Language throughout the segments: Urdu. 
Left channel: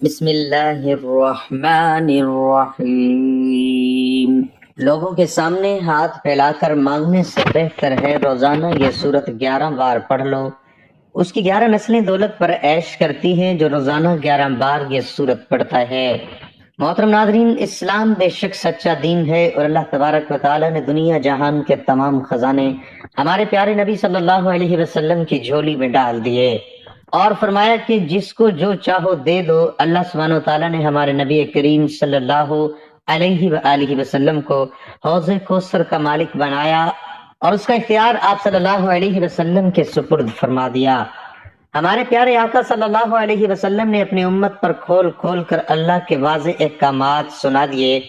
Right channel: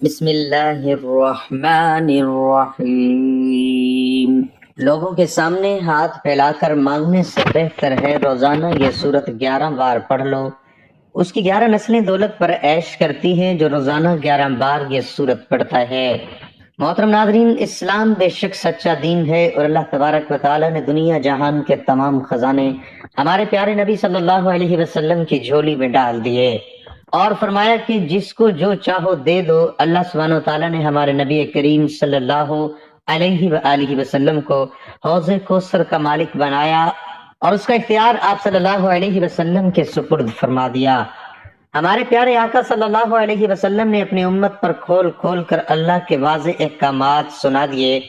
بسم اللہ الرحمن الرحیم۔ لوگوں کے سامنے ہاتھ پھیلا کر مانگنے سے بہتر ہے روزانہ یہ سورت 11 بار پڑھ لو۔ اس کی 11 نسلیں دولت پر عیش کرتی ہیں جو روزانہ 11 بار یہ سورت پڑھتا ہے۔ محترم ناظرین، اسلام بے شک سچا دین ہے اور اللہ تبارک و تعالیٰ نے دنیا جہان کے تمام خزانے ہمارے پیارے نبی صلی اللہ علیہ وسلم کی جھولی میں ڈال دیے اور فرمایا کہ جس کو جو چاہو دے دو۔ اللہ سبحانہ و تعالیٰ نے ہمارے نبی کریم صلی اللہ علیہ وآلہ وسلم کو حوض کوثر کا مالک بنایا اور اس کا اختیار آپ صلی اللہ علیہ وسلم کے سپرد فرما دیا۔ ہمارے پیارے آقا صلی اللہ علیہ وسلم نے اپنی امت پر کھول کھول کر اللہ کے واضح احکامات سنا دیے،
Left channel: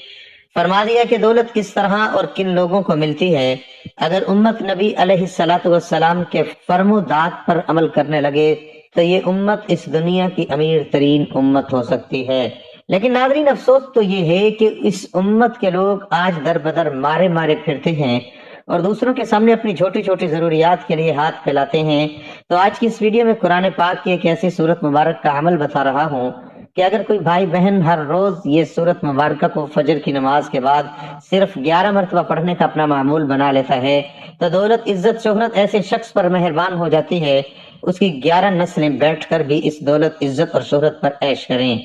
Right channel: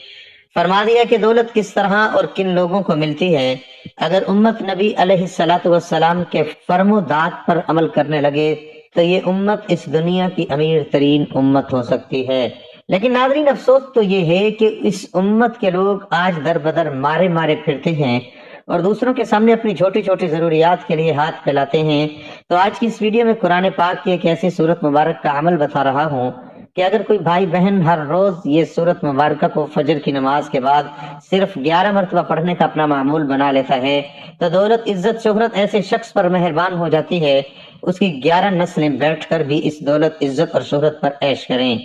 فرما دیا کہ دولت کس طرح اور کن لوگوں کو ملتی ہے۔ اگر امت نبی علیہ الصلوۃ والسلام کے فرم و داد پر عمل کرنے لگے تو یہ امت اس دنیا کی امیر ترین امت ہو سکتی ہے۔ لیکن ناظرین، افسوس تو یہ ہے کہ اس امت کے لوگ آج در بدر مارے مارے پھرتے ہیں اور دوسروں کے سامنے اپنی چھوٹی چھوٹی ضروریات کے لیے ہاتھ پھیلاتے ہیں۔ تو آج کی اس ویڈیو میں قرآن پاک کی ایک ایسی سورت مبارک کا عمل بتا رہا ہوں کہ اگر کوئی بھائی بہن ہر روز یہ سورت مبارکہ کو فجر کی نماز کے بعد صرف 11 مرتبہ پڑھنے کا اپنا معمول بنا لیتا ہے تو دولت، عزت، شہرت ایسے شخص پر مہربان ہو جاتی ہے، اس کی 11 نسلیں بیٹھ کر بھی اس دولت، عزت اور شہرت پر عیش کریں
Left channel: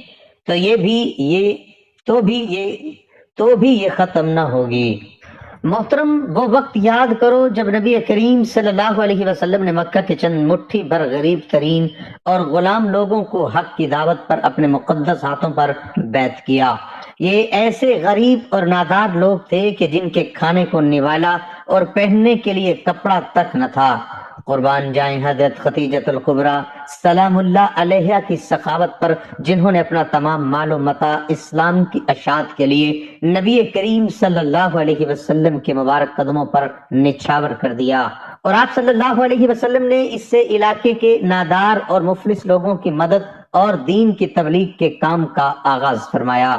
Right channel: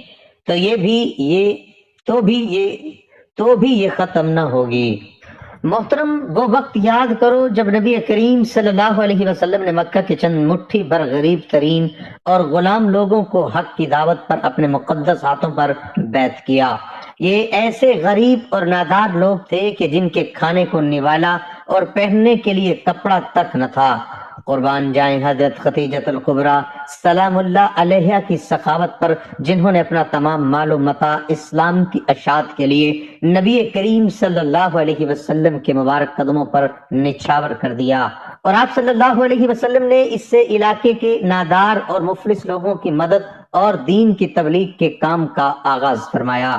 تو یہ ختم نہ ہوگی۔ محترم، وہ وقت یاد کرو جب نبی کریم صلی اللہ علیہ وسلم نے مکہ کے چند مٹھی بھر غریب ترین اور غلام لوگوں کو حق کی دعوت پر اپنے مقدس ہاتھوں پر بیعت کیا۔ یہ ایسے غریب اور نادار لوگ تھے کہ جن کے کھانے کو نوالا اور پہننے کے لیے کپڑا تک نہ تھا۔ قربان جائیں حضرت خدیجۃ الکبریٰ سلام اللہ علیہا کی سخاوت پر، جنہوں نے اپنا تمام مال و متاع اسلام کی اشاعت کے لیے نبی کریم صلی اللہ علیہ وسلم کے مبارک قدموں پر نچھاور کر دیا، اور آپ صلی اللہ علیہ وسلم نے اس سے علاقے کے نادار اور مفلس لوگوں کی مدد اور دین کی تبلیغ کے کام کا آغاز فرمایا۔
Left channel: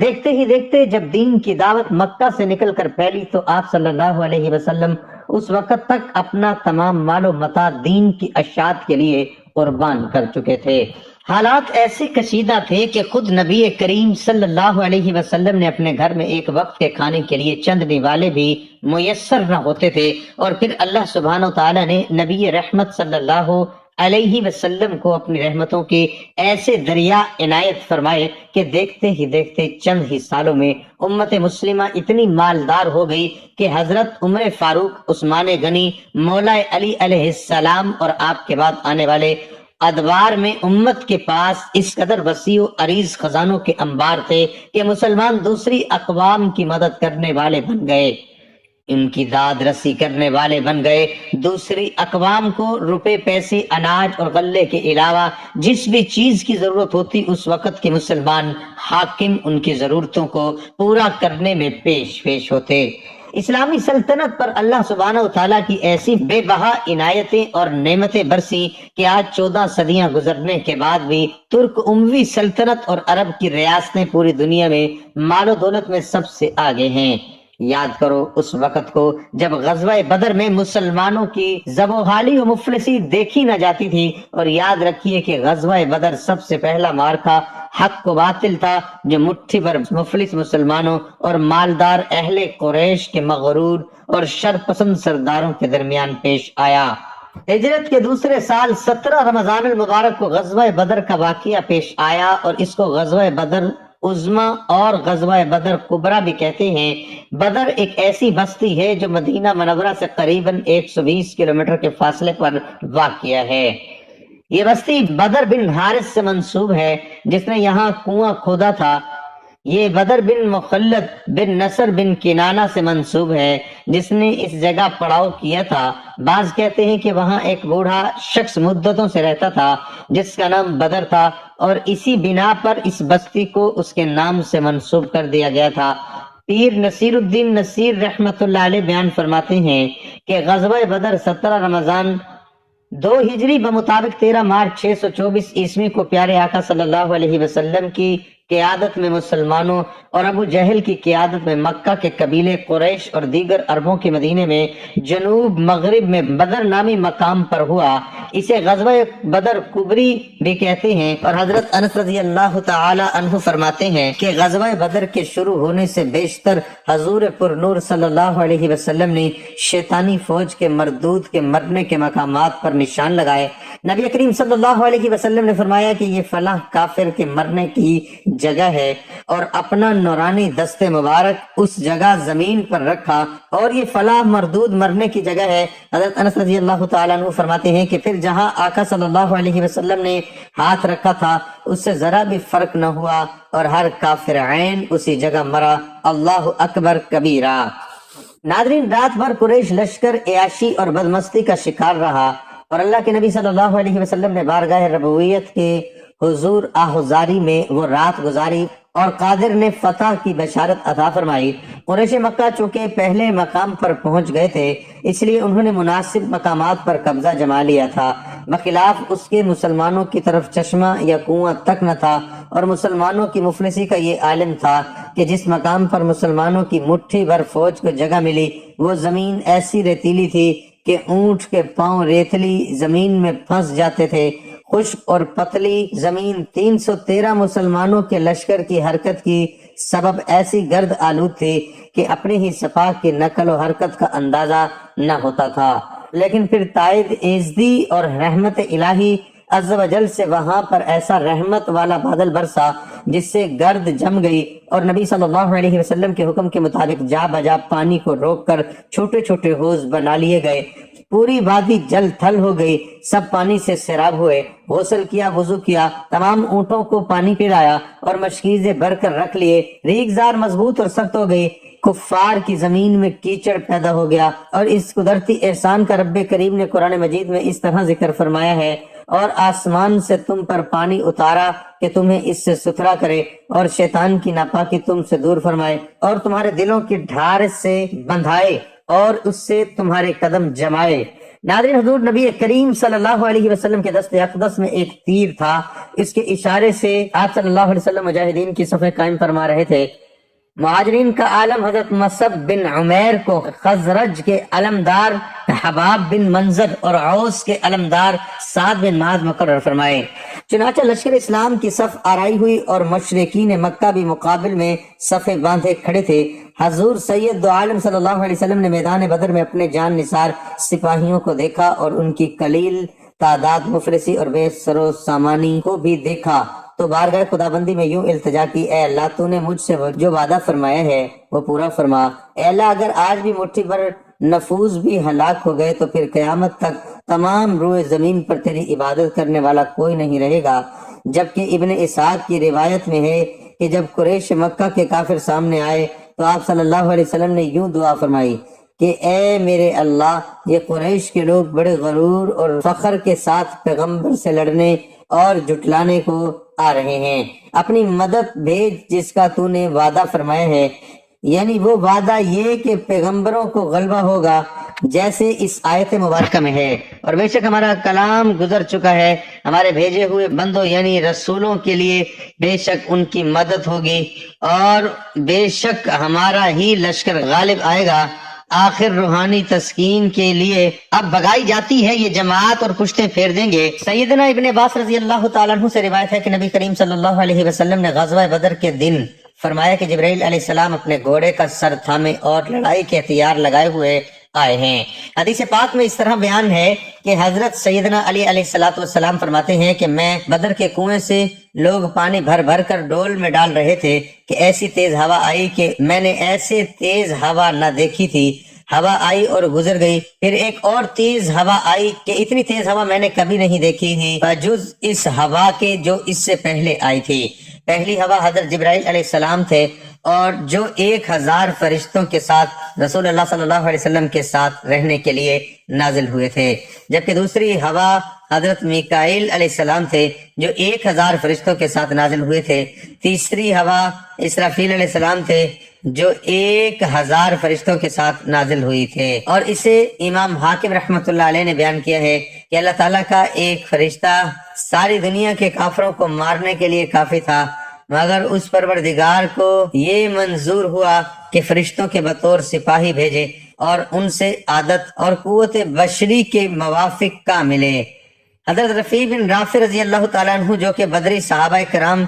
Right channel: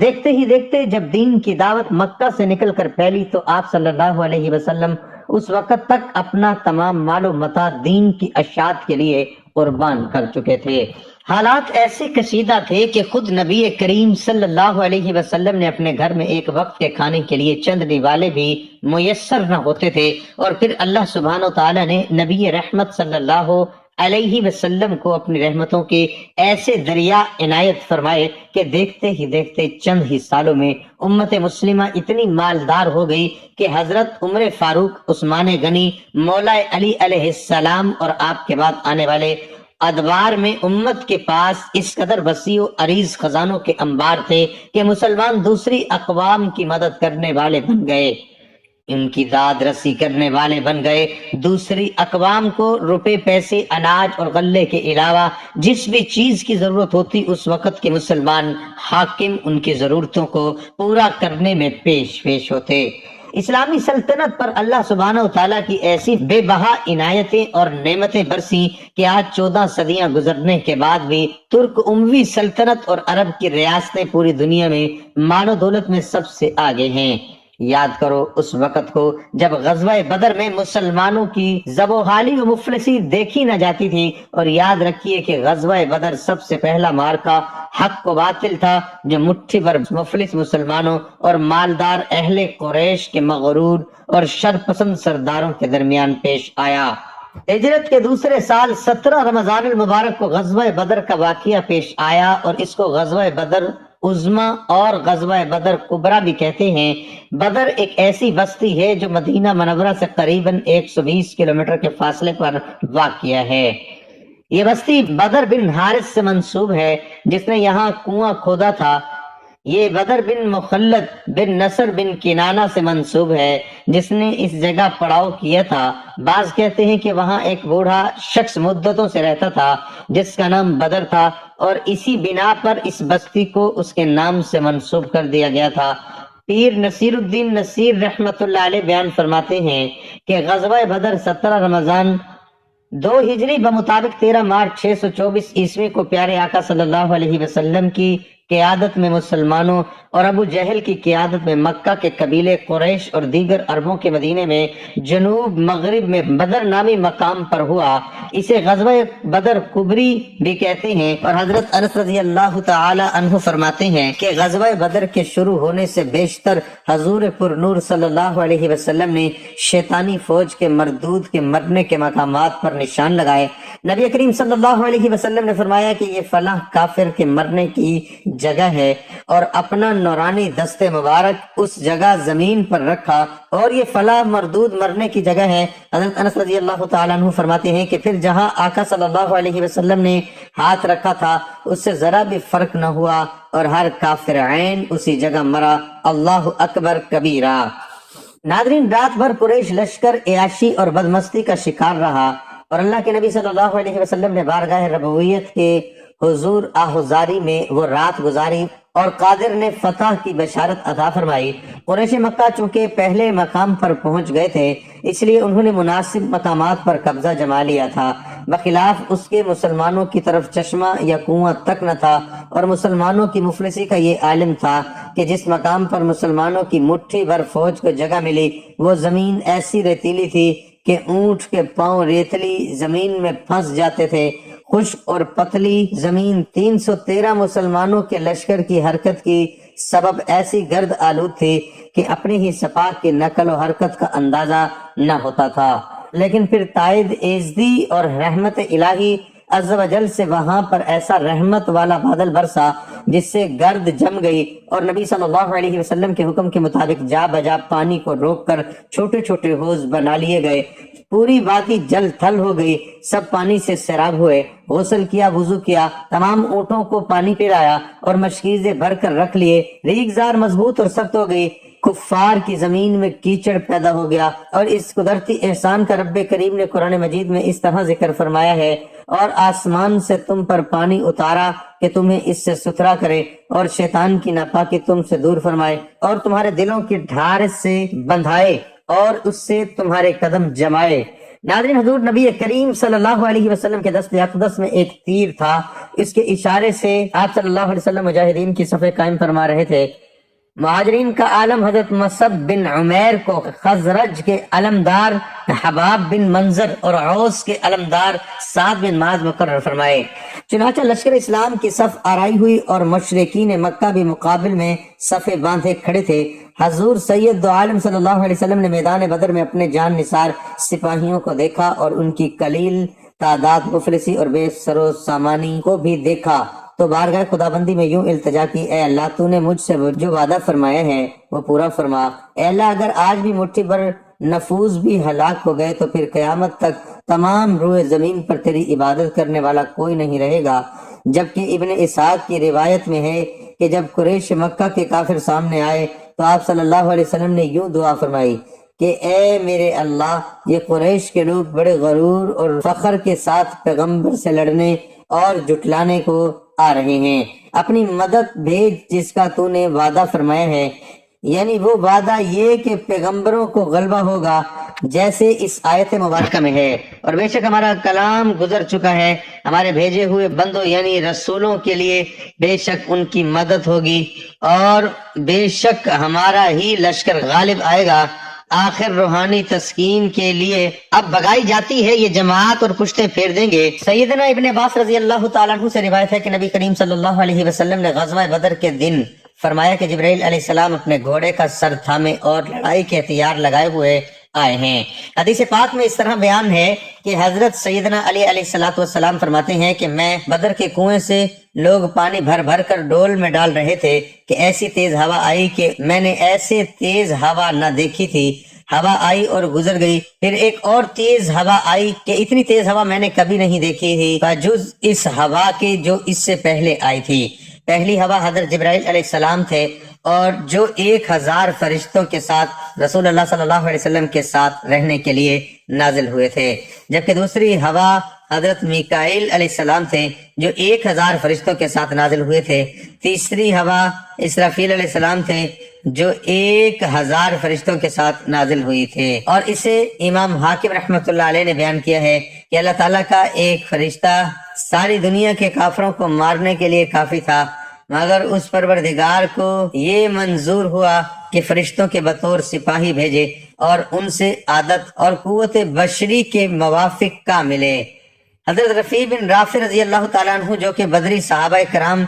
دیکھتے ہی دیکھتے جب دین کی دعوت مکہ سے نکل کر پھیلی تو آپ صلی اللہ علیہ وسلم اس وقت تک اپنا تمام مال و متاع دین کی اشاعت کے لیے قربان کر چکے تھے۔ حالات ایسے کشیدہ تھے کہ خود نبی کریم صلی اللہ علیہ وسلم نے اپنے گھر میں ایک وقت کے کھانے کے لیے چند نوالے بھی میسر نہ ہوتے تھے، اور پھر اللہ سبحانہ و تعالیٰ نے نبی رحمت صلی اللہ علیہ وسلم کو اپنی رحمتوں کے ایسے دریا عنایت فرمائے کہ دیکھتے ہی دیکھتے چند ہی سالوں میں امت مسلمہ اتنی مالدار ہو گئی کہ حضرت عمر فاروق، عثمان غنی، مولا علی علیہ السلام اور آپ کے بعد آنے والے ادوار میں امت کے پاس اس قدر وسیع و عریض خزانوں کے انبار تھے کہ مسلمان دوسری اقوام کی مدد کرنے والے بن گئے، ان کی داد رسی کرنے والے بن گئے۔ دوسری اقوام کو روپے، پیسے، اناج اور غلے کے علاوہ جس بھی چیز کی ضرورت ہوتی اس وقت کے مسلمان حاکم ان کی ضرورتوں کو پورا کرنے میں پیش ہوتے۔ اسلامی سلطنت پر اللہ سبحانہ و تعالیٰ کی ایسی بے بہا عنایتیں اور نعمتیں برسی کہ آج 14 صدیاں گزرنے کے بعد بھی ترک اموی سلطنت اور عرب کی ریاستیں پوری دنیا میں مال و دولت میں سب سے آگے ہیں۔ یاد کرو اس وقت کو جب غزوہ بدر میں مسلمانوں کی زبوحالی و مفلسی دیکھی نہ جاتی تھی، اور یاد رکھیے کہ غزوہ بدر سب سے پہلا معرکہ حق و باطل تھا جو مٹھی بھر مفلس مسلمانوں اور مالدار اہل قریش کے مغرور اور شرپسند سرداروں کے درمیان پیش آیا۔ ہجرت کے دوسرے سال 17 رمضان المبارک کو غزوہ بدر کا واقعہ پیش آیا، اور اس کو غزوہ بدر عظمی اور غزوہ بدر کبریٰ بھی کہتے ہیں۔ بدر ایک ایسی بستی ہے جو مدینہ منورہ سے قریباً 120 کلومیٹر کے فاصلے پر واقع ہے۔ یہ بستی بدر بن حارث سے منسوب ہے جس نے یہاں کنواں کھودا تھا۔ یہ بدر بن مخلد بن نصر بن کنانہ سے منسوب ہے جس نے اس جگہ پڑاؤ کیا تھا۔ بعض کہتے ہیں کہ وہاں ایک بوڑھا شخص مدتوں سے رہتا تھا جس کا نام بدر تھا، اور اسی بنا پر اس بستی کو اس کے نام سے منسوب کر دیا گیا تھا۔ پیر نصیر الدین نصیر رحمت اللہ علیہ بیان فرماتے ہیں کہ غزوہ بدر 17 رمضان 2 ہجری بمطابق 13 مارچ 624 عیسوی کو پیارے آقا صلی اللہ علیہ وسلم کی قیادت میں مسلمانوں اور ابو جہل کی قیادت میں مکہ کے قبیلے قریش اور دیگر عربوں کے مدینے میں جنوب مغرب میں بدر نامی مقام پر ہوا۔ اسے غزوہ بدر کبری بھی کہتے ہیں، اور حضرت انس رضی اللہ تعالی عنہ فرماتے ہیں کہ غزوہ بدر کے شروع ہونے سے بیشتر حضور پر نور صلی اللہ علیہ وسلم نے شیطانی فوج کے مردود کے مرنے کے مقامات پر نشان لگائے۔ نبی کریم صلی اللہ علیہ وسلم نے فرمایا کہ یہ فلاں کافر کے مرنے کی جگہ ہے، اور اپنا نورانی دست مبارک اس جگہ زمین پر رکھا، اور یہ فلاں مردود مرنے کی جگہ ہے۔ حضرت انس رضی اللہ تعالیٰ عنہ فرماتے ہیں کہ پھر جہاں آقا صلی اللہ علیہ وسلم نے ہاتھ رکھا تھا اس سے ذرا بھی فرق نہ ہوا، اور ہر کافر عین اسی جگہ مرا۔ اللہ اکبر کبیرہ۔ ناظرین، رات بھر قریش لشکر عیاشی اور بدمستی کا شکار رہا، اور اللہ کے نبی صلی اللہ علیہ وسلم نے بارگاہ ربویت کے حضور آہوزاری میں وہ رات گزاری، اور قادر نے فتح کی بشارت عطا فرمائی۔ قریش مکہ چونکہ پہلے مقام پر پہنچ گئے تھے، اس لیے انہوں نے مناسب مقامات پر قبضہ جما لیا تھا، بخلاف اس کے مسلمانوں کی طرف چشمہ یا کنواں تک نہ تھا، اور مسلمانوں کی مفلسی کا یہ عالم تھا کہ جس مقام پر مسلمانوں کی مٹھی بھر فوج کو جگہ ملی وہ زمین ایسی ریتیلی تھی کہ اونٹ کے پاؤں ریتلی زمین میں پھنس جاتے تھے۔ خشک اور پتلی زمین 313 مسلمانوں کے لشکر کی حرکت کی سبب ایسی گرد آلود تھی کہ اپنی ہی صفا کی نقل و حرکت کا اندازہ نہ ہوتا تھا، لیکن پھر تائید ایزدی اور رحمت الہی عز و جل سے وہاں پر ایسا رحمت والا بادل برسا جس سے گرد جم گئی، اور نبی صلی اللہ علیہ وسلم کے حکم کے مطابق جا بجا پانی کو روک کر چھوٹے چھوٹے حوض بنا لیے گئے۔ پوری وادی جل تھل ہو گئی، سب پانی سے سیراب ہوئے، غسل کیا، وضو کیا، تمام اونٹوں کو پانی پلایا اور مشکیزیں بھر کر رکھ لیے۔ ریگزار مضبوط اور سخت ہو گئی، کفار کی زمین میں کیچڑ پیدا ہو گیا، اور اس قدرتی احسان کا رب کریم نے قرآن مجید میں اس طرح ذکر فرمایا ہے: اور آسمان سے تم پر پانی اتارا کہ تمہیں اس سے ستھرا کرے، اور شیطان کی ناپاکی تم سے دور فرمائے، اور تمہارے دلوں کی ڈھار سے بندھائے، اور اس سے تمہارے قدم جمائے۔ ناظرین، حضور نبی کریم صلی اللہ علیہ وسلم کے دست اقدس میں ایک تیر تھا، اس کے اشارے سے آپ صلی اللہ علیہ وسلم مجاہدین کی صفیں قائم فرما رہے تھے۔ مہاجرین کا عالم حضرت مصعب بن عمیر کو خزرج کے علمدار حباب بن منظر اور عوس کے علمدار سعد بن معاذ مقرر فرمائے۔ چنانچہ لشکر اسلام کی صف آرائی ہوئی، اور مشرکین مکہ بھی مقابل میں صفیں باندھے کھڑے تھے۔ حضور سید دو عالم صلی اللہ علیہ وسلم نے میدان بدر میں اپنے جان نثار سپاہیوں کو دیکھا، اور ان کی قلیل تعداد، مفلسی اور بے سر و سامانی کو بھی دیکھا، تو بارگاہ خدابندی میں یوں التجا کی: اے اللہ، تو نے مجھ سے جو وعدہ فرمایا ہے وہ پورا فرما۔ اے اللہ، اگر آج بھی مٹھی بھر نفوس بھی ہلاک ہو گئے تو پھر قیامت تک تمام روئے زمین پر تیری عبادت کرنے والا کوئی نہیں رہے گا۔ جبکہ ابن اسحاق کی روایت میں ہے کہ جب قریش مکہ کے کافر سامنے آئے تو آپ صلی اللہ علیہ وسلم نے یوں دعا فرمائی کہ اے میرے اللہ، یہ قریش کے لوگ بڑے غرور اور فخر کے ساتھ پیغمبر سے لڑنے اور جھٹلانے کو آ رہے ہیں، اپنی مدد بھیج جس کا تو نے وعدہ فرمایا ہے، یعنی وہ وعدہ یہ کہ پیغمبروں کو غلبہ ہوگا جیسے اس آیت مبارکہ میں ہے۔ اور بے شک ہمارا کلام گزر چکا ہے، ہمارے بھیجے ہوئے بندوں یعنی رسولوں کے لیے بے شک ان کی مدد ہوگی، اور بے شک ہمارا ہی لشکر غالب آئے گا۔ آخر روحانی تسکین کے لیے اب بگائی جاتی ہے یہ جماعت، اور پشتے پھیر دیں گے۔ سیدنا ابن عباس رضی اللہ تعالیٰ عنہ سے روایت ہے کہ نبی کریم صلی اللہ علیہ وسلم نے غزوہ بدر کے دن فرمایا کہ جبرائیل علیہ السلام اپنے گھوڑے کا سر تھامے اور لڑائی کے ہتھیار لگائے ہوئے آئے ہیں۔ حدیث پاک میں اس طرح بیان ہے کہ حضرت سیدنا علی علیہ السلام فرماتے ہیں کہ میں بدر کے کنویں سے لوگ پانی بھر بھر کر ڈول میں ڈال رہے تھے کہ ایسی تیز ہوا آئی کہ میں نے ایسے تیز ہوا نہ دیکھی تھی۔ ہوا آئی اور گزر گئی، پھر ایک اور تیز ہوا آئی کہ اتنی تیز ہوا میں نے کبھی نہیں دیکھی تھی بجز اس ہوا کے جو اس سے پہلے آئی تھی۔ پہلی ہوا حضرت جبرائیل علیہ السلام تھے، اور جو 1000 فرشتوں کے ساتھ رسول اللہ صلی اللہ علیہ وسلم کے ساتھ رہنے کے لیے نازل ہوئے تھے، جبکہ دوسری ہوا حضرت میکائیل علیہ السلام تھے جو 1000 فرشتوں کے ساتھ نازل ہوئے تھے۔ تیسری ہوا اسرافیل علیہ السلام تھے جو 1000 فرشتوں کے ساتھ نازل ہوئی تھے۔ اور اسے امام حاکم رحمۃ اللہ علیہ نے بیان کیا ہے کہ اللہ تعالیٰ کا ایک فرشتہ ساری دنیا کے کافروں کو مارنے کے لیے کافی تھا، مگر اس پروردگار کو یہ منظور ہوا کہ فرشتوں کے بطور سپاہی بھیجے اور ان سے عادت اور قوت بشری کے موافق کا ملے۔ حضرت رفیع بن رافع رضی اللہ تعالیٰ عنہ جو کہ بدری صحابہ کرام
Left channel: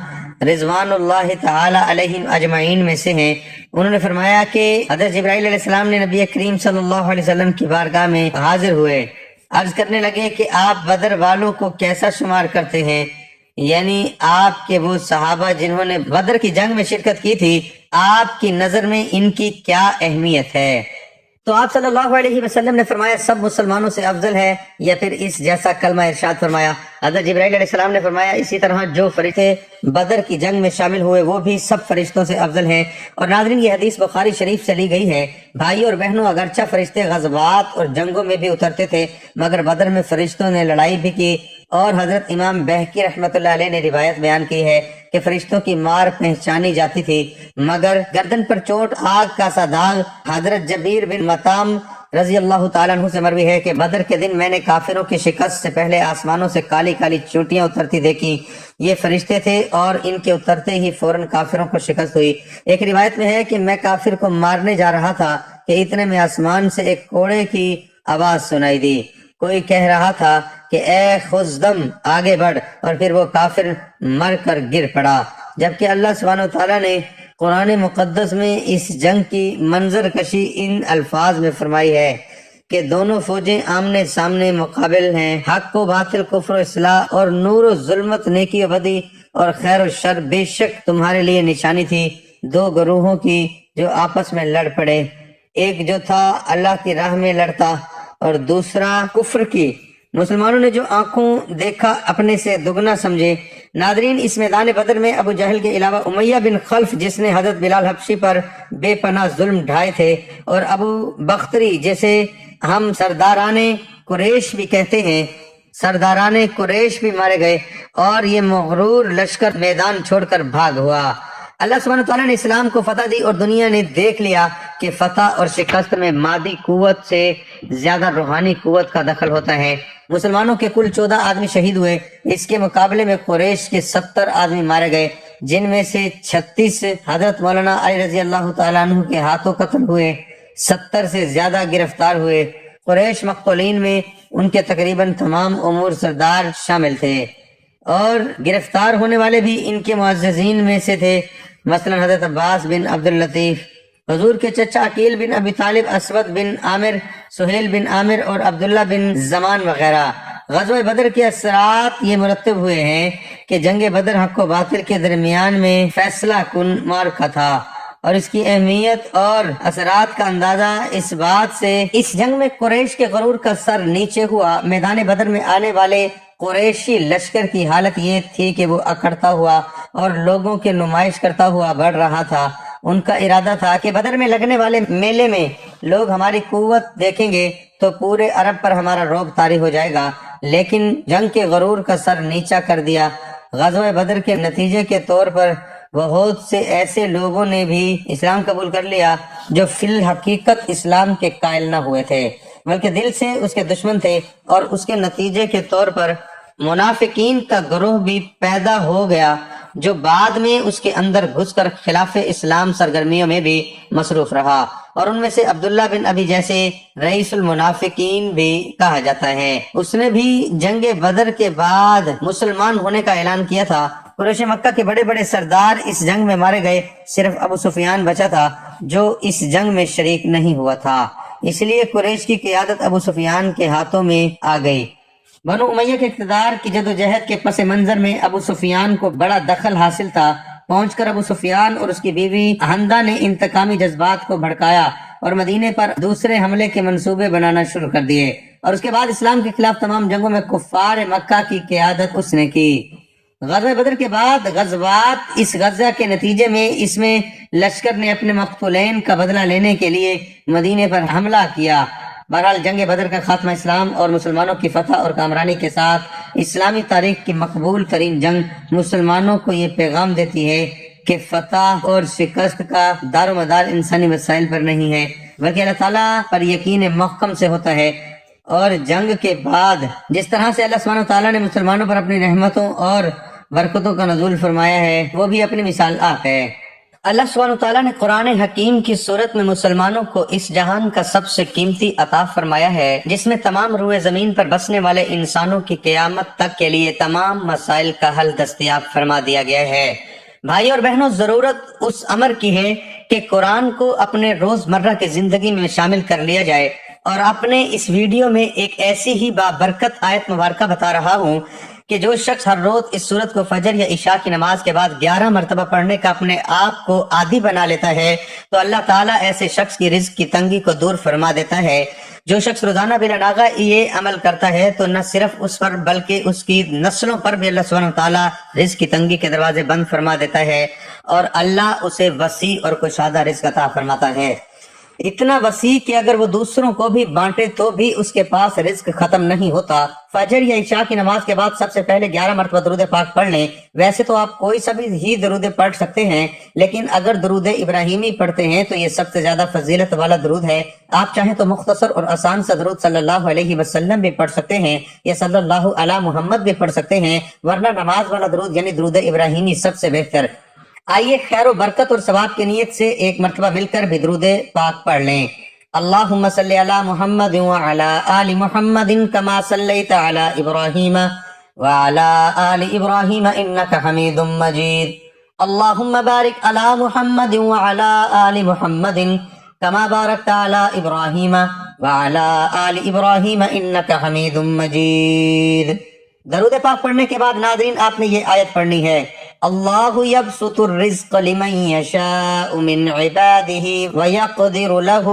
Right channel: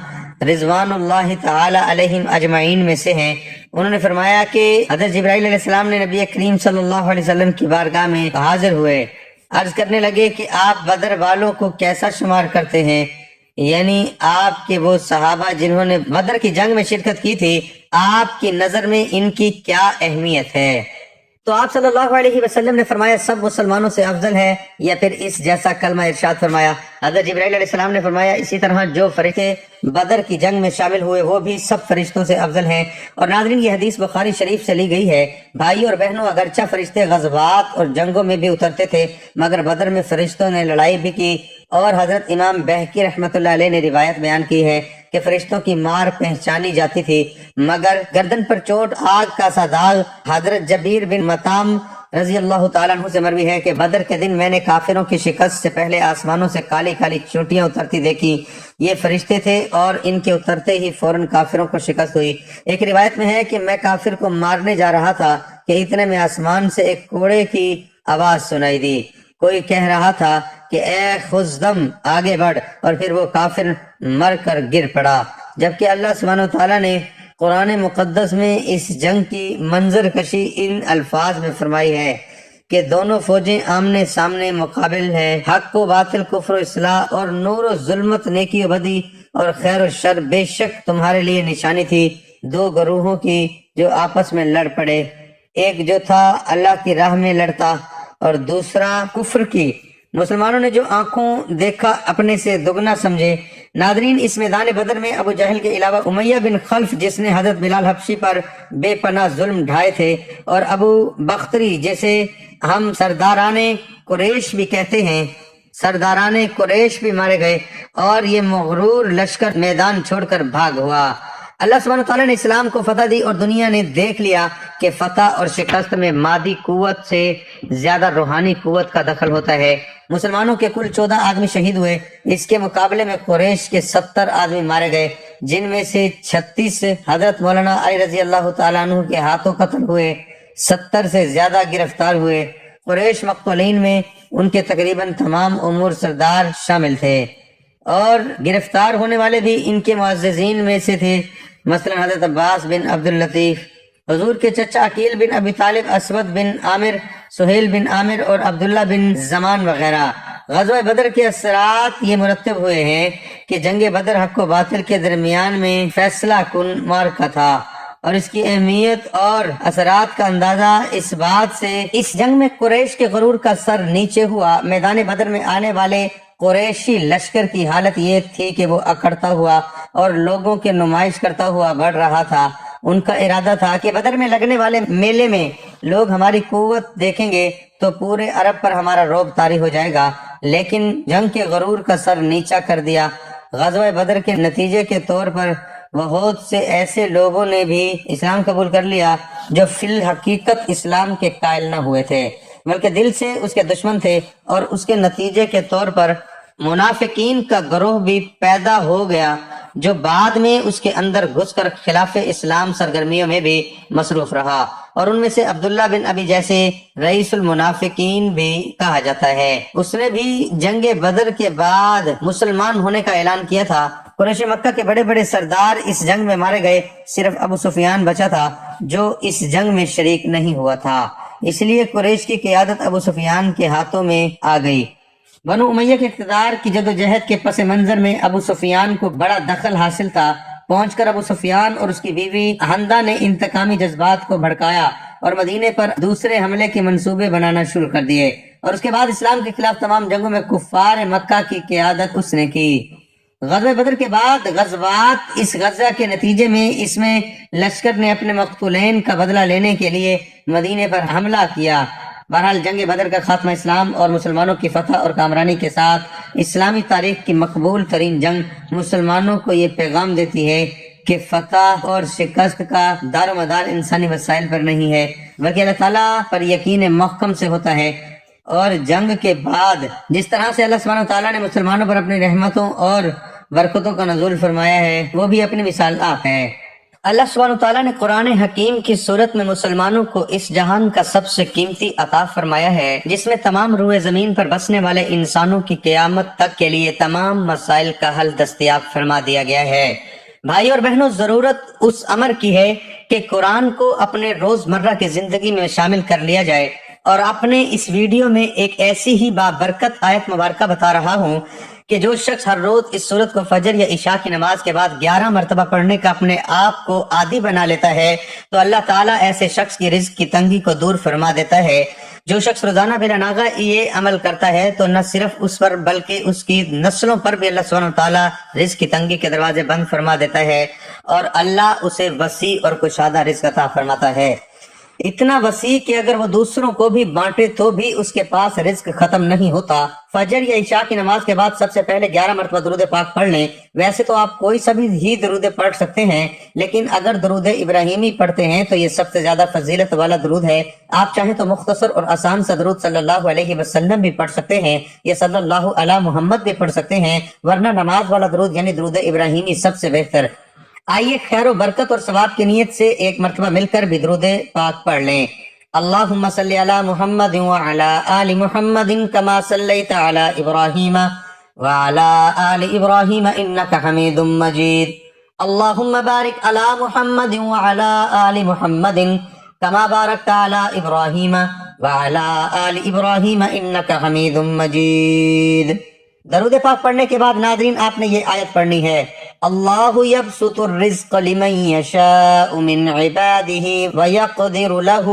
رضوان اللہ تعالی علیہم اجمعین میں سے ہیں، انہوں نے فرمایا کہ حضرت جبرائیل علیہ السلام نے نبی کریم صلی اللہ علیہ وسلم کی بارگاہ میں حاضر ہوئے، عرض کرنے لگے کہ آپ بدر والوں کو کیسا شمار کرتے ہیں؟ یعنی آپ کے وہ صحابہ جنہوں نے بدر کی جنگ میں شرکت کی تھی، آپ کی نظر میں ان کی کیا اہمیت ہے؟ تو آپ صلی اللہ علیہ وسلم نے فرمایا سب مسلمانوں سے افضل ہے، یا پھر اس جیسا کلمہ ارشاد فرمایا۔ حضرت جبرائیل علیہ السلام نے فرمایا اسی طرح جو فرشتے بدر کی جنگ میں شامل ہوئے وہ بھی سب فرشتوں سے افضل ہیں۔ اور ناظرین، یہ حدیث بخاری شریف سے لی گئی ہے۔ بھائی اور بہنوں، اگرچہ فرشتے غزوات اور جنگوں میں بھی اترتے تھے، مگر بدر میں فرشتوں نے لڑائی بھی کی، اور حضرت امام بہقی رحمۃ اللہ علیہ نے روایت بیان کی ہے کہ فرشتوں کی مار پہچانی جاتی تھی، مگر گردن پر چوٹ، آگ کا سا داغ۔ حضرت جبیر بن مطعم رضی اللہ تعالیٰ عنہ سے مروی ہے کہ بدر کے دن میں نے کافروں کی شکست سے پہلے آسمانوں سے کالی کالی چونٹیاں اترتی دیکھی، یہ فرشتے تھے، اور ان کے اترتے ہی فوراً کافروں کو شکست ہوئی۔ ایک روایت میں ہے کہ میں کافر کو مارنے جا رہا تھا کہ اتنے میں آسمان سے ایک کوڑے کی آواز سنائی دی، کوئی کہہ رہا تھا کہ اے خزدم آگے بڑھ، اور پھر وہ کافر مر کر گر پڑا۔ جبکہ اللہ سبحانہ و تعالیٰ نے قرآن مقدس میں اس جنگ کی منظر کشی ان الفاظ میں فرمائی ہے کہ دونوں فوجیں آمنے سامنے مقابل ہیں، حق و باطل، کفر و اصلاح، اور نور و ظلمت، نیکی و بدی، اور خیر و شر بے شک تمہارے لیے نشانی تھی دو گروہوں کی جو آپس میں لڑ پڑے، ایک جو تھا اللہ کی راہ میں لڑتا اور دوسرا کفر کی۔ مسلمانوں نے جو آنکھوں دیکھا اپنے سے دگنا سمجھے۔ ناظرین، اس میدان بدر میں ابو جہل کے علاوہ امیہ بن خلف جس نے حضرت بلال حبشی پر بے پناہ ظلم ڈھائے تھے، اور ابو بختری جسے ہم سرداران قریش بھی کہتے ہیں، سرداران قریش بھی مارے گئے، اور یہ مغرور لشکر میدان چھوڑ کر بھاگ ہوا۔ اللہ سبحانہ تعالیٰ نے اسلام کو فتح دی، اور دنیا نے دیکھ لیا کہ فتح اور شکست میں مادی قوت سے زیادہ روحانی قوت کا دخل ہوتا ہے۔ مسلمانوں کے کل 14 آدمی شہید ہوئے، اس کے مقابلے میں قریش کے 70 آدمی مارے گئے، جن میں سے 36 حضرت مولانا علی رضی اللہ تعالیٰ عنہ کے ہاتھوں قتل ہوئے، 70 سے زیادہ گرفتار ہوئے۔ قریش مقتولین میں ان کے تقریباً تمام امور سردار شامل تھے، اور گرفتار ہونے والے بھی ان کے معززین میں سے تھے، مثلا حضرت عباس بن عبد اللطیف، حضور کے چچا عقیل بن ابی طالب، اسود بن عامر، سہیل بن عامر، اور عبداللہ بن زمان وغیرہ۔ غزوہ بدر کے اثرات یہ مرتب ہوئے ہیں کہ جنگ بدر حق و باطل کے درمیان میں فیصلہ کن معرکہ تھا، اور اس کی اہمیت اور اثرات کا اندازہ اس بات سے اس جنگ میں قریش کے غرور کا سر نیچے ہوا۔ میدان بدر میں آنے والے قریشی لشکر کی حالت یہ تھی کہ وہ اکڑتا ہوا اور لوگوں کے نمائش کرتا ہوا بڑھ رہا تھا۔ ان کا ارادہ تھا کہ بدر میں لگنے والے میلے میں لوگ ہماری قوت دیکھیں گے تو پورے عرب پر ہمارا رعب طاری ہو جائے گا، لیکن جنگ کے غرور کا سر نیچا کر دیا۔ غزوہ بدر کے نتیجے کے طور پر بہت سے ایسے لوگوں نے بھی اسلام قبول کر لیا جو فی الحقیقت اسلام کے قائل نہ ہوئے تھے، بلکہ دل سے اس کے دشمن تھے، اور اس کے نتیجے کے طور پر منافقین کا گروہ بھی پیدا ہو گیا جو بعد میں اس کے اندر گھس کر خلاف اسلام سرگرمیوں میں بھی مصروف رہا، اور ان میں سے عبداللہ بن ابی جیسے رئیس المنافقین بھی کہا جاتا ہے۔ اس نے بھی جنگ بدر کے بعد مسلمان ہونے کا اعلان کیا تھا۔ قریش مکہ کے بڑے بڑے سردار اس جنگ میں مارے گئے، صرف ابو سفیان بچا تھا جو اس جنگ میں شریک نہیں ہوا تھا، اس لیے قریش کی قیادت ابو سفیان کے ہاتھوں میں آ گئی۔ بنو امیہ کے اقتدار کی جدوجہد کے پس منظر میں ابو سفیان کو بڑا دخل حاصل تھا۔ پہنچ کر ابو سفیان اور اس کی بیوی حمدہ نے انتقامی جذبات کو بھڑکایا اور مدینے پر دوسرے حملے کے منصوبے بنانا شروع کر دیے، اور اس کے بعد اسلام کے خلاف تمام جنگوں میں کفار مکہ کی قیادت اس نے کی۔ غزوہ بدر کے بعد غزوات، اس غزہ کے نتیجے میں اس میں لشکر نے اپنے مقتولین کا بدلہ لینے کے لیے مدینے پر حملہ کیا۔ بہرحال جنگ بدر کا خاتمہ اسلام اور مسلمانوں کی فتح اور کامرانی کے ساتھ اسلامی تاریخ کی مقبول ترین جنگ مسلمانوں کو یہ پیغام دیتی ہے کہ فتح اور شکست کا دار و مدار انسانی وسائل پر نہیں ہے، بلکہ اللہ تعالیٰ پر یقین محکم سے ہوتا ہے۔ اور جنگ کے بعد جس طرح سے اللہ سبحانہ و تعالیٰ نے مسلمانوں پر اپنی رحمتوں اور برکتوں کا نزول فرمایا ہے، وہ بھی اپنی مثال آپ ہے۔ اللہ سبحانہ تعالیٰ نے قرآن حکیم کی صورت میں مسلمانوں کو اس جہان کا سب سے قیمتی عطا فرمایا ہے، جس میں تمام روئے زمین پر بسنے والے انسانوں کی قیامت تک کے لیے تمام مسائل کا حل دستیاب فرما دیا گیا ہے۔ بھائی اور بہنوں، ضرورت اس امر کی ہے کہ قرآن کو اپنے روزمرہ کی زندگی میں شامل کر لیا جائے، اور اپنے اس ویڈیو میں ایک ایسی ہی بابرکت آیت مبارکہ بتا رہا ہوں کہ جو شخص ہر روز اس سورت کو فجر یا عشاء کی نماز کے بعد 11 مرتبہ پڑھنے کا اپنے آپ کو عادی بنا لیتا ہے تو اللہ تعالیٰ ایسے شخص کی رزق کی تنگی کو دور فرما دیتا ہے۔ جو شخص روزانہ بلا ناغہ یہ عمل کرتا ہے تو نہ صرف اس پر بلکہ اس کی نسلوں پر بھی اللہ سبحانہ تعالیٰ رزق کی تنگی کے دروازے بند فرما دیتا ہے، اور اللہ اسے وسیع اور کشادہ رزق عطا فرماتا ہے، اتنا وسیع کہ اگر وہ دوسروں کو بھی بانٹے تو بھی اس کے پاس رزق ختم نہیں ہوتا۔ فجر یا عشاء کی نماز کے بعد سب سے پہلے 11 مرتبہ درود پاک پڑھ لیں۔ ویسے تو آپ کوئی سا بھی ہی درود پڑھ سکتے ہیں، لیکن اگر درود ابراہیمی پڑھتے ہیں تو یہ سب سے زیادہ فضیلت والا درود ہے۔ آپ چاہیں تو مختصر اور آسان سا درود صلی اللہ علیہ وسلم بھی پڑھ سکتے ہیں، یہ صلی اللہ علی محمد بھی پڑھ سکتے ہیں، ورنہ نماز والا درود یعنی درود ابراہیمی سب سے بہتر۔ آئیے خیر و برکت اور ثواب کی نیت سے ایک مرتبہ مل کر بھی درود پاک پڑھ لیں۔ اللہم صلی علی محمد وعلی آل محمد کما صلیت علی ابراہیم وعلی آل ابراہیم انکا حمید مجید۔ اللہم بارک علی محمد وعلی آل محمد کما بارکت علی ابراہیم وعلی آل ابراہیم انکا حمید مجید۔ درود پاک پڑھنے کے بعد ناظرین آپ نے یہ آیت پڑھنی ہے، اللہ یبسط الرزق لمن یشاء من عبادہ ویقدر لہ،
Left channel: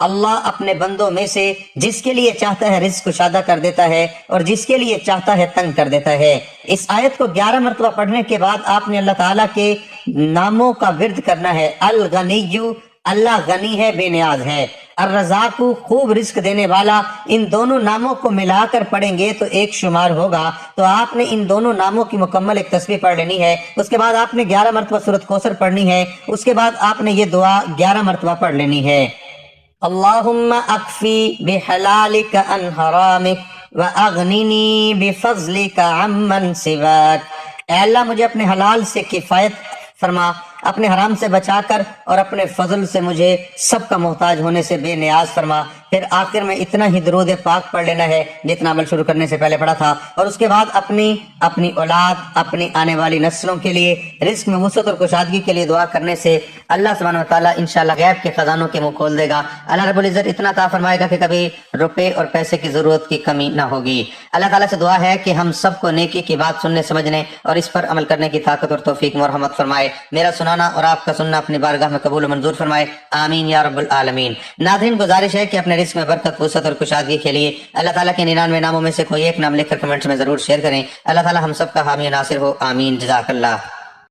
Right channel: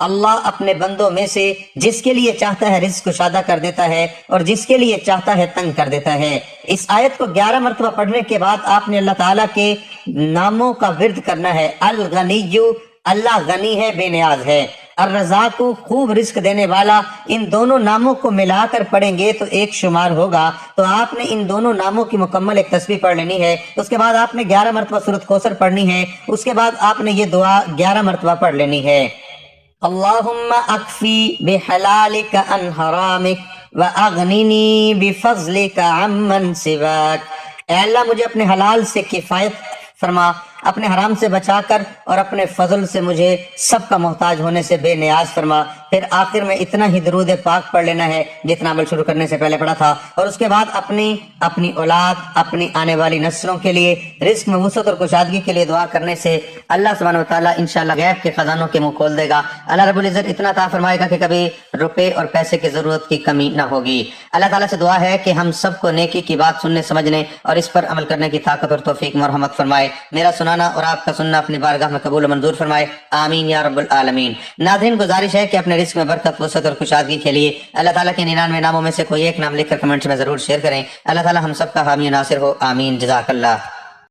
اللہ اپنے بندوں میں سے جس کے لیے چاہتا ہے رزق کشادہ کر دیتا ہے اور جس کے لیے چاہتا ہے تنگ کر دیتا ہے۔ اس آیت کو 11 مرتبہ پڑھنے کے بعد آپ نے اللہ تعالیٰ کے ناموں کا ورد کرنا ہے۔ الغنی، اللہ غنی ہے، بے نیاز ہے۔ الرزاق، خوب رزق دینے والا، ان دونوں ناموں کو ملا کر پڑھیں گے تو ایک شمار ہوگا۔ تو آپ نے ان دونوں ناموں کی مکمل ایک تسبیح پڑھ لینی ہے، اس کے بعد آپ نے 11 مرتبہ سورۃ کوثر پڑھنی ہے، اس کے بعد آپ نے یہ دعا 11 مرتبہ پڑھ لینی ہے، اللہم اکفی بحلالک عن حرامک واغننی بفضلک عمن سواک، اے اللہ مجھے اپنے حلال سے کفایت فرما، اپنے حرام سے بچا کر اور اپنے فضل سے مجھے سب کا محتاج ہونے سے بے نیاز فرما۔ پھر آخر میں اتنا ہی درود پاک پڑھ لینا ہے جتنا عمل شروع کرنے سے پہلے پڑھا تھا، اور اس کے بعد اپنی اولاد، اپنی آنے والی نسلوں کے لیے رزق میں وسعت اور کشادگی کے لیے دعا کرنے سے اللہ سبحانہ و تعالیٰ انشاءاللہ غیب کے خزانوں کے منہ کھول دے گا۔ اللہ رب العزت اتنا عطا فرمائے گا کہ کبھی روپے اور پیسے کی ضرورت کی کمی نہ ہوگی۔ اللہ تعالیٰ سے دعا ہے کہ ہم سب کو نیکی کی بات سننے سمجھنے اور اس پر عمل کرنے کی طاقت اور توفیق مرحمت فرمائے۔ میرا سنانا اور آپ کا سننا اپنی بارگاہ میں قبول و منظور فرمائے، آمین یا رب العالمین۔ ناظرین گزارش ہے کہ اپنے رزق میں برکت، وسعت اور کشادگی کے لیے اللہ تعالیٰ کے 99 ناموں میں سے کوئی ایک نام لکھ کر کمنٹس میں ضرور شیئر کریں۔ اللہ تعالیٰ ہم سب کا حامی و ناصر ہو، آمین، جزاک اللہ۔